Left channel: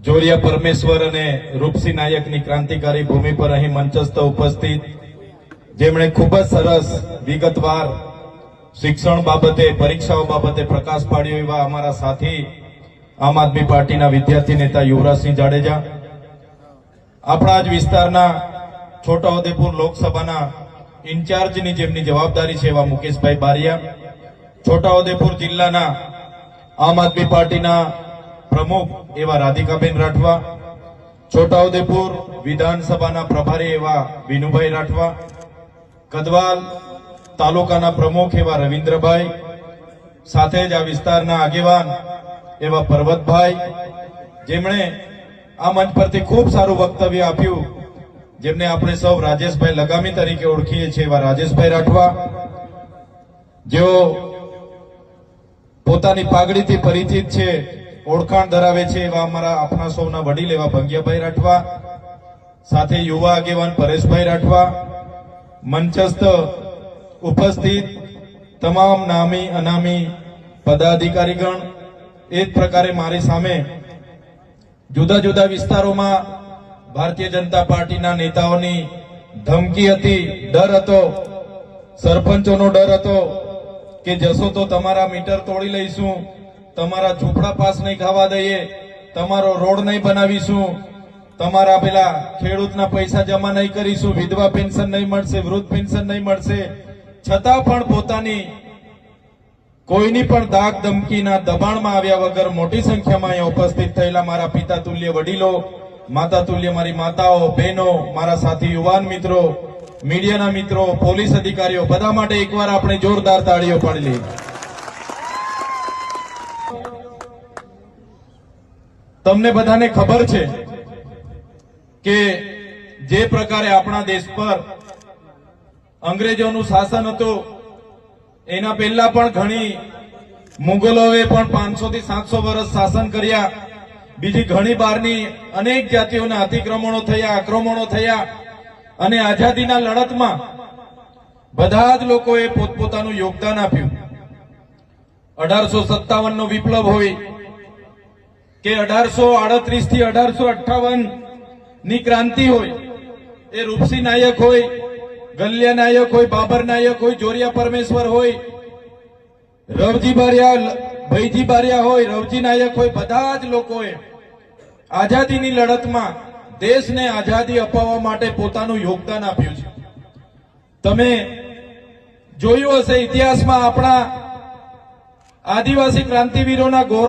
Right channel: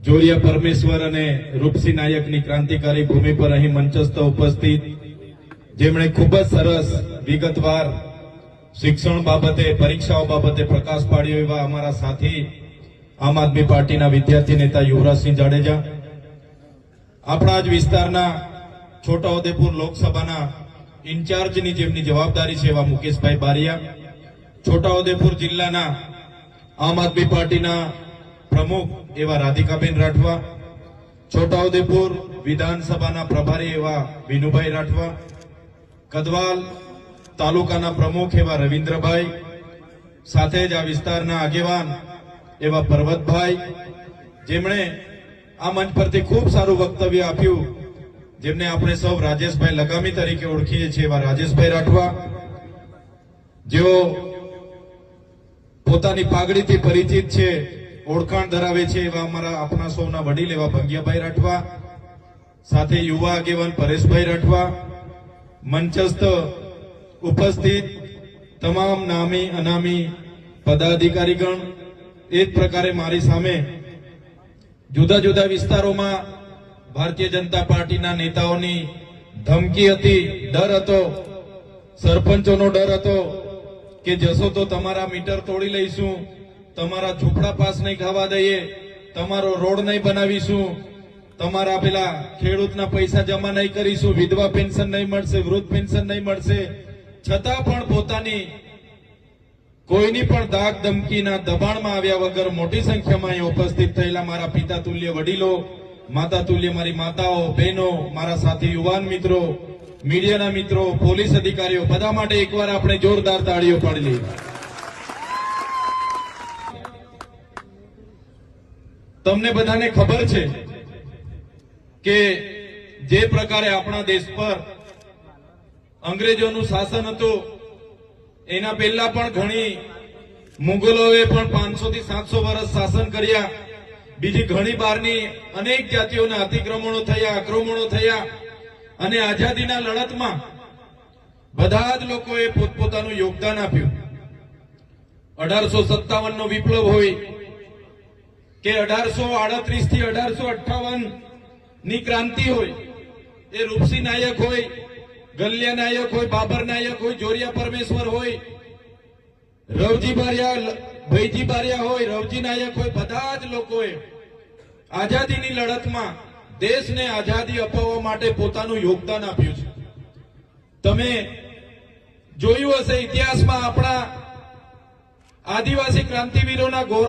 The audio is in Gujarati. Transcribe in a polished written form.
જોરિયા પરમેશ્વર અને રૂપસિંહ નાયકની ક્રાંતિકારી ભૂમિ પર અહીં મંચસ્થ ઉપસ્થિત, જેમણે ખૂબ જ સરસ વિગતવાર શિક્ષણ બાબતે, પરીક્ષાઓ બાબતે પ્રકાશ પાડ્યો એવા અમારા સાથી આમ આદમી પાર્ટીના વિદ્યાર્થી નેતા યુવરાજસિંહ જાડેજા, આપણા જ વિસ્તારના છોટાઉદેપુર લોકસભાના ઇન્ચાર્જની જેમની જવાબદારી છે એવા મુકેશભાઈ બારિયા, છોટાઉદેપુર જિલ્લાના આમ આદમી પાર્ટીના પ્રમુખ એવા રાધિકાબેન રાઠવા, છોટાઉદેપુર વિધાનસભાના પ્રભારી એવા વિનુભાઈ રાઠવા, કદવાલ તાલુકાના પ્રમુખ એવા રવિન્દ્રભાઈ, સાથે જ આ વિસ્તારના આગેવાન એવા પર્વતભાઈ, જેમણે આ મંચ પરથી ખૂબ સારું વક્તવ્ય આપ્યું, જેમને આપણે સૌ રાજેશભાઈ લગામી તરીકે ઓળખીએ છીએ એવા રાજેશભાઈ રાઠવા, જેઓ પોતાની પાઘડીથી પરિચિત છે, ઓળખાણ ધરાવે છે એવા અમારા આપણા સૌના વડીલ એવા ભંગ્યાભાઈ રાઠવા, સાથે યુવા આગેવાન પરેશભાઈ રાઠવા, મંચસ્થ ઉપસ્થિત તમામ નામી અનામી પદાધિકારીગણ, એ જ પ્રકારે મારી સામે જુદા જુદા વિસ્તારોમાં ભારતીય જનતા પાર્ટીના નેતાઓની ધમકી હતી, ડર હતો, સરપંચોનો ડર હતો કે જશો તો તમારા મીટર તોડી લઈશું, તમારા ઝૂંપડા પાસ નહીં ખાવા દઈએ, તમારો રોડ નહીં બનાવીશું, તમારા પેલા ખેડૂતના પૈસા જમા નહીં કરીશું, વિધવા પેન્શન નહીં મળશે, વૃદ્ધ પેન્શન નહીં મળશે, છતાં પણ પોતાની કોઈની પણ દાગ ધમકીના દબાણમાં આવ્યા વગર મોટી સંખ્યામાં અહીંયા ઉપસ્થિત થયેલા મારા પિતા તુલ્ય વડીલો, માતા તુલ્ય મારી માતાઓ, બહેનો, મારા સાથી યુવાન મિત્રો, મીડિયાના મિત્રો, પોલીસ અધિકારીઓ, બધા માટે એકવાર આપણે જોરદાર તાળીઓ પાડી લઈએ. તમને બધાને ખબર છે કે જે પ્રકારે આપણા દેશ પર અંગ્રેજોનું શાસન હતું, એના પહેલા પણ ઘણી મુગલોએ પણ 500 થી 700 વર્ષ શાસન કર્યા, બીજી ઘણી બહારની અનેક જાતિઓના અતિક્રમણો થયા, આક્રમણો થયા, અને આઝાદીના લડતમાં બધા જ લોકોએ પોતપોતાનું યોગદાન આપ્યું. 1857 નો વિપ્લવ હોય કે 1838 થી 1858 ની ક્રાંતિ હોય, એ રૂપસિંહ નાયક હોય, ગલિયા નાયક હોય, બાબર નાયક હોય, જોરિયા પરમેશ્વર હોય, રવજી બારિયા, ભૈજી બારિયા હોય, રવજી નાયક હોય, બધા જ લોકોએ આઝાદીની લડતમાં દેશને આઝાદી અપાવવા માટે પોતાનું યોગદાન આપ્યું છે. તમે જોયું હશે ઇતિહાસમાં આપણા આદિવાસી ક્રાંતિવીરોના ગૌરવ